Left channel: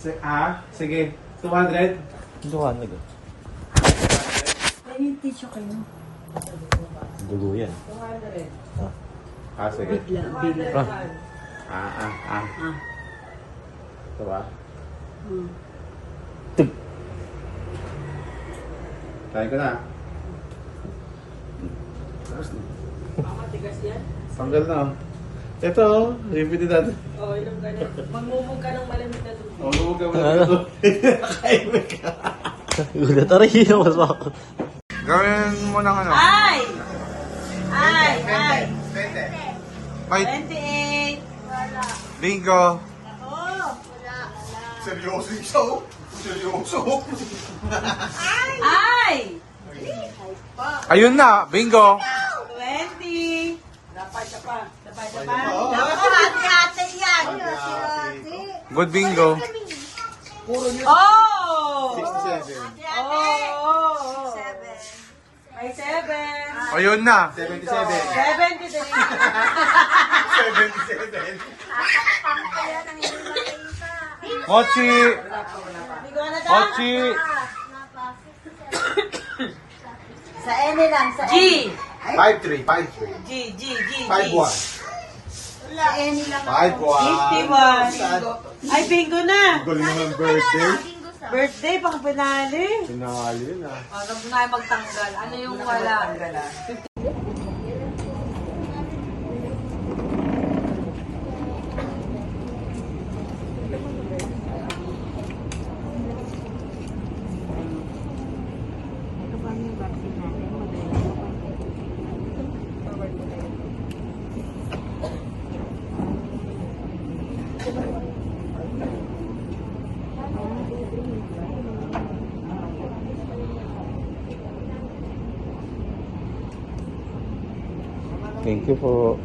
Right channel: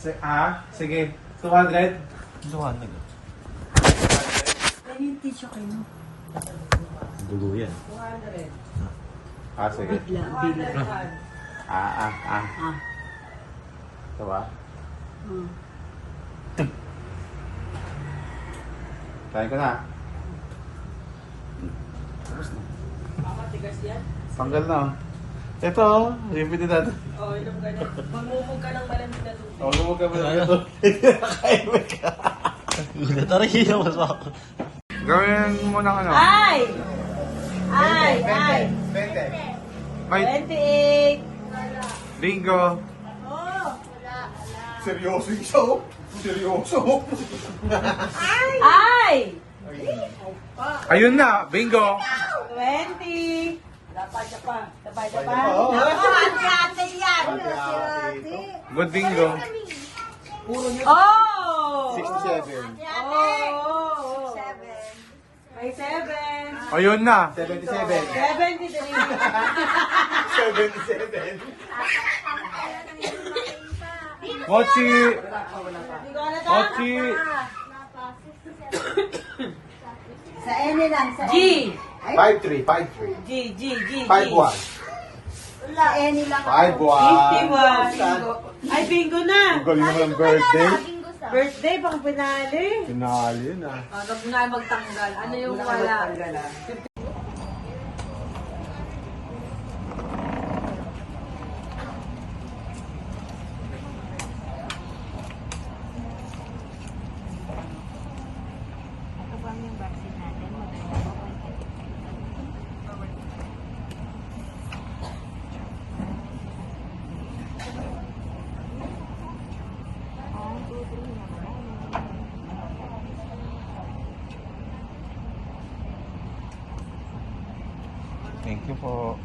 Sige. 200? 200. Ay, yung tissue kayo. Dugo yan. 200. Sige. Bigla. Ah. Ah. Ito ba? Tig. Try ko na. Mamatigas yan. Panggal na. Ito, repeat natin. Oo, inom ka na. Magmumog ka ng malamig na tubig. Huwag ka muna ito. Nakaimik ka. Gulat na rin yun. Gawin mo ng ano? Ay! 20. 28. Bingo. Oo. Seryoso ito. Seryoso. Ay! Ayun na, bingo. 20. Dapat pa. Ate-ate yan. Good bingo. Oh! 67. Oh! May 7. Ayun na. 73. 77. Mochi. Mochi. Sa N lang. Sa G. 53. G. 51. Sa N lang. 51. Ay, bingo na. Galing mo ng birthday. Birthday, pang pinali. Sinali na. O, nag na magtanggal. Ano yung wala? Thank you po.